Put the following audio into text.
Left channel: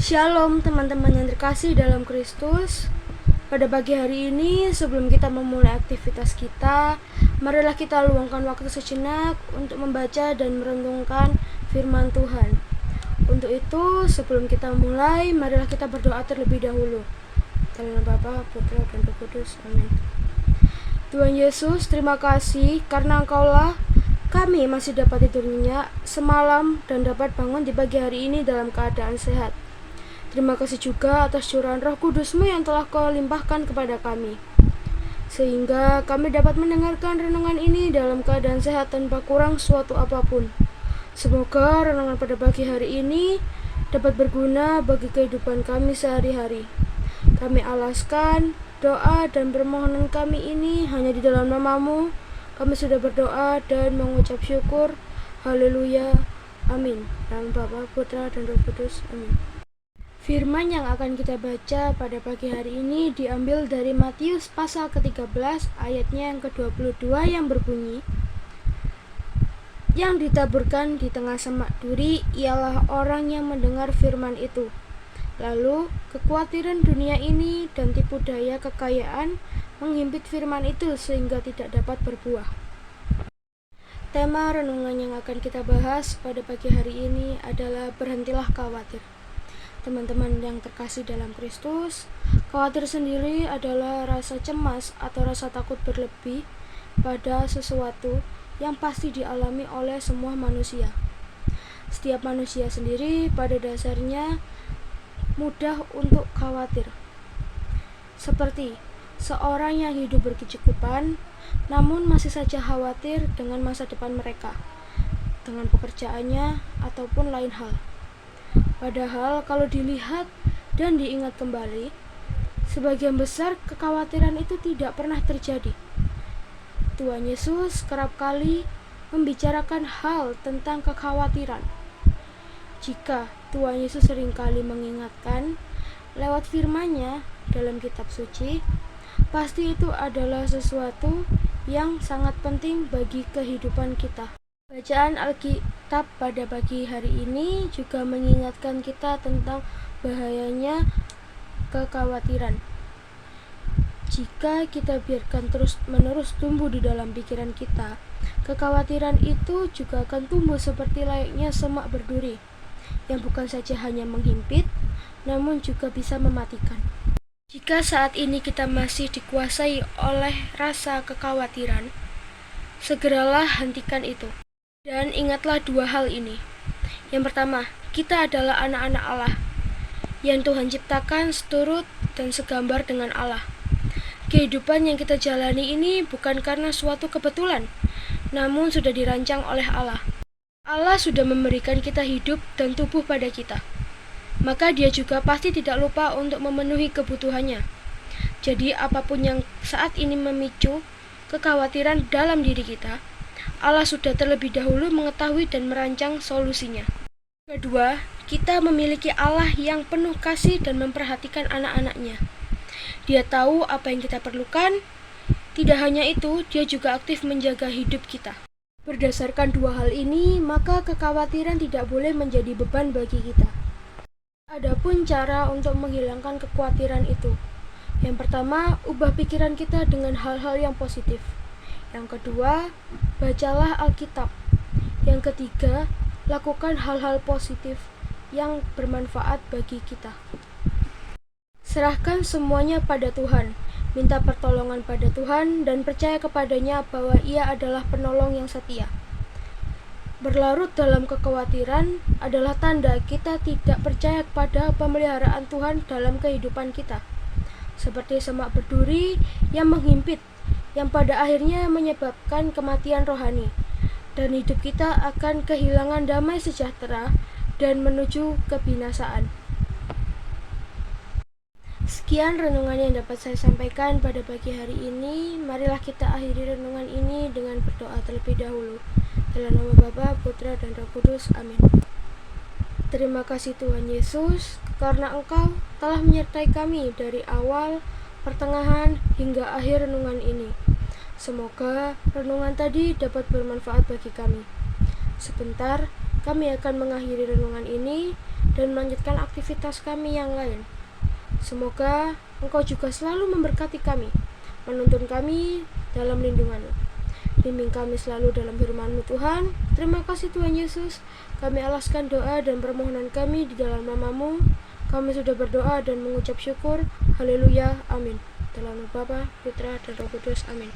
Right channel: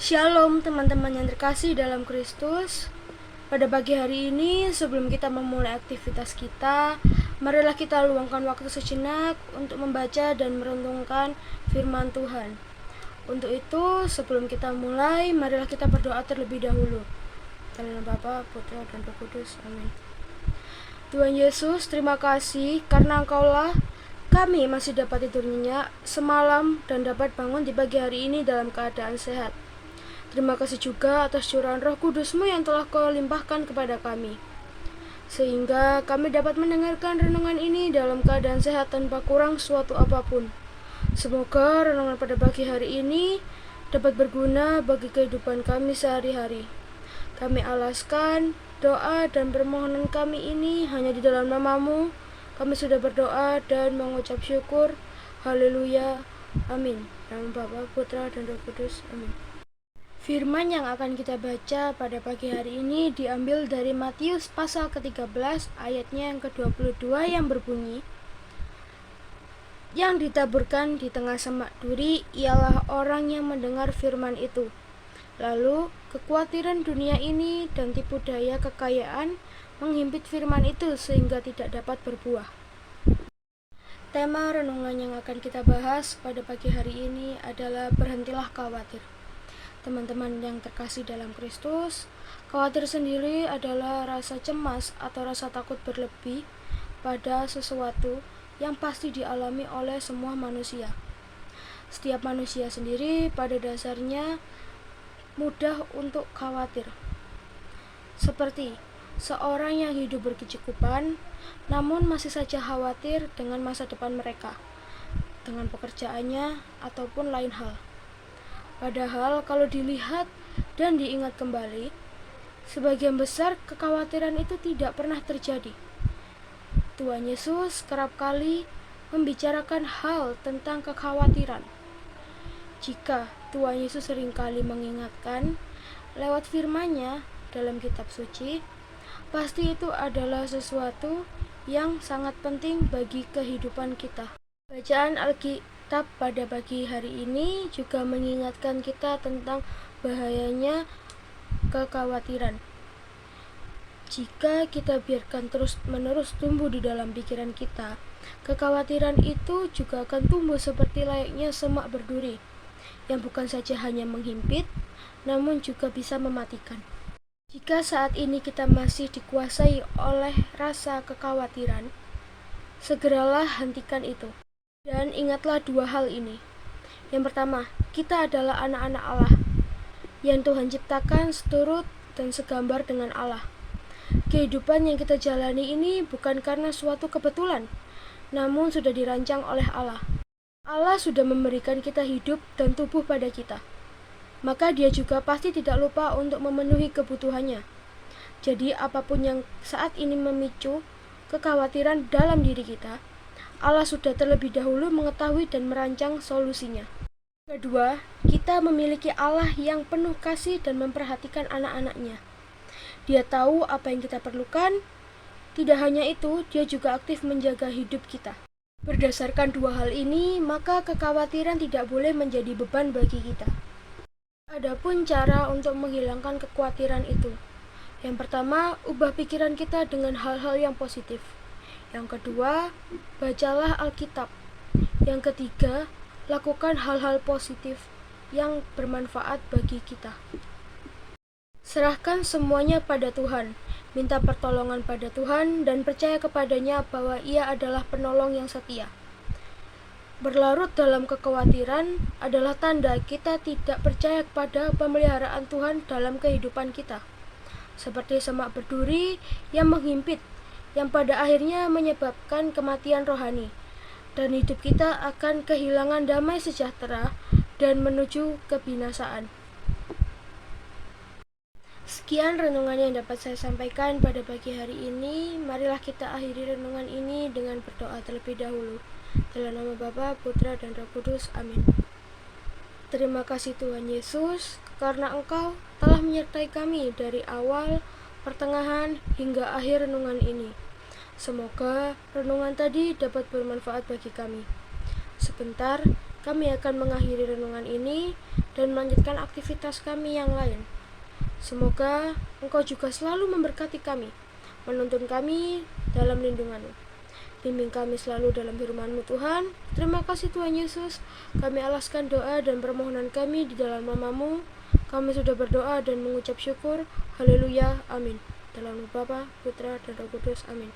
Shalom teman-teman yang terkasih dalam Kristus. Pada pagi hari ini, sebelum kita memulai aktivitas kita, marilah kita luangkan waktu sejenak untuk membaca dan merenungkan firman Tuhan. Untuk itu, sebelum kita mulai, marilah kita berdoa terlebih dahulu. Dalam nama Bapa, Putra, dan Roh Kudus. Amin. Tuhan Yesus, terima kasih karena Engkaulah kami masih dapat tidur nyenyak semalam dan dapat bangun di pagi hari ini dalam keadaan sehat. Terima kasih juga atas curahan Roh Kudus-Mu yang telah Kau limpahkan kepada kami, sehingga kami dapat mendengarkan renungan ini dalam keadaan sehat tanpa kurang suatu apapun. Semoga renungan pada pagi hari ini dapat berguna bagi kehidupan kami sehari-hari. Kami alaskan doa dan permohonan kami ini hanya di dalam nama-Mu. Kami sudah berdoa dan mengucap syukur. Haleluya. Amin. Dalam Bapa, Putra, dan Roh Kudus. Amin. Firman yang akan kita baca pada pagi hari ini diambil dari Matius pasal ke-13 ayatnya yang ke-22 yang berbunyi, "Yang ditaburkan di tengah semak duri ialah orang yang mendengar firman itu. Lalu kekhawatiran dunia ini dan tipu daya kekayaan menghimpit firman itu sehingga tidak dapat berbuah." Tema renungan yang akan kita bahas pada pagi hari ini adalah berhentilah khawatir. Teman-teman yang terkasih dalam Kristus, khawatir sendiri adalah rasa cemas atau rasa takut berlebih pada sesuatu yang pasti dialami oleh semua manusia. Setiap manusia sendiri pada dasarnya mudah untuk khawatir. Seperti seorang yang hidup berkecukupan, namun masih saja khawatir dengan masa depan mereka, dengan pekerjaannya, ataupun lain hal. Padahal kalau dilihat dan diingat kembali, sebagian besar kekhawatiran itu tidak pernah terjadi. Tuhan Yesus kerap kali membicarakan hal tentang kekhawatiran. Jika Tuhan Yesus seringkali mengingatkan lewat firman-Nya dalam kitab suci, pasti itu adalah sesuatu yang sangat penting bagi kehidupan kita. Bacaan Alkitab pada pagi hari ini juga mengingatkan kita tentang bahayanya kekhawatiran. Jika kita biarkan terus-menerus tumbuh di dalam pikiran kita, kekhawatiran itu juga akan tumbuh seperti layaknya semak berduri, yang bukan saja hanya menghimpit, namun juga bisa mematikan. Jika saat ini kita masih dikuasai oleh rasa kekhawatiran, segeralah hentikan itu. Dan ingatlah dua hal ini. Yang pertama, kita adalah anak-anak Allah yang Tuhan ciptakan seturut dan segambar dengan Allah. Kehidupan yang kita jalani ini bukan karena suatu kebetulan, namun sudah dirancang oleh Allah. Allah sudah memberikan kita hidup dan tubuh pada kita, maka Dia juga pasti tidak lupa untuk memenuhi kebutuhannya. Jadi apapun yang saat ini memicu kekhawatiran dalam diri kita, Allah sudah terlebih dahulu mengetahui dan merancang solusinya. Kedua, kita memiliki Allah yang penuh kasih dan memperhatikan anak-anak-Nya. Dia tahu apa yang kita perlukan. Tidak hanya itu, Dia juga aktif menjaga hidup kita. Berdasarkan dua hal ini, maka kekhawatiran tidak boleh menjadi beban bagi kita. Adapun cara untuk menghilangkan kekhawatiran itu. Yang pertama, ubah pikiran kita dengan hal-hal yang positif. Yang kedua, bacalah Alkitab. Yang ketiga, lakukan hal-hal positif yang bermanfaat bagi kita. Serahkan semuanya pada Tuhan, minta pertolongan pada Tuhan, dan percaya kepadanya bahwa Ia adalah penolong yang setia. Berlarut dalam kekhawatiran adalah tanda kita tidak percaya kepada pemeliharaan Tuhan dalam kehidupan kita. Seperti semak berduri yang menghimpit, yang pada akhirnya menyebabkan kematian rohani, dan hidup kita akan kehilangan damai sejahtera dan menuju kebinasaan. Sekian renungan yang dapat saya sampaikan pada pagi hari ini. Marilah kita akhiri renungan ini dengan berdoa terlebih dahulu. Dalam nama Bapa, Putra, dan Roh Kudus. Amin. Terima kasih Tuhan Yesus, karena Engkau telah menyertai kami dari awal, pertengahan, hingga akhir renungan ini. Semoga renungan tadi dapat bermanfaat bagi kami. Sebentar, kami akan mengakhiri renungan ini dan melanjutkan aktivitas kami yang lain. Semoga Engkau juga selalu memberkati kami, menuntun kami dalam lindungan-Mu. Bimbing kami selalu dalam firman-Mu Tuhan. Terima kasih Tuhan Yesus. Kami alaskan doa dan permohonan kami di dalam nama-Mu. Kami sudah berdoa dan mengucap syukur. Haleluya. Amin. Dalam nama Bapa, Putra, dan Roh Kudus. Amin.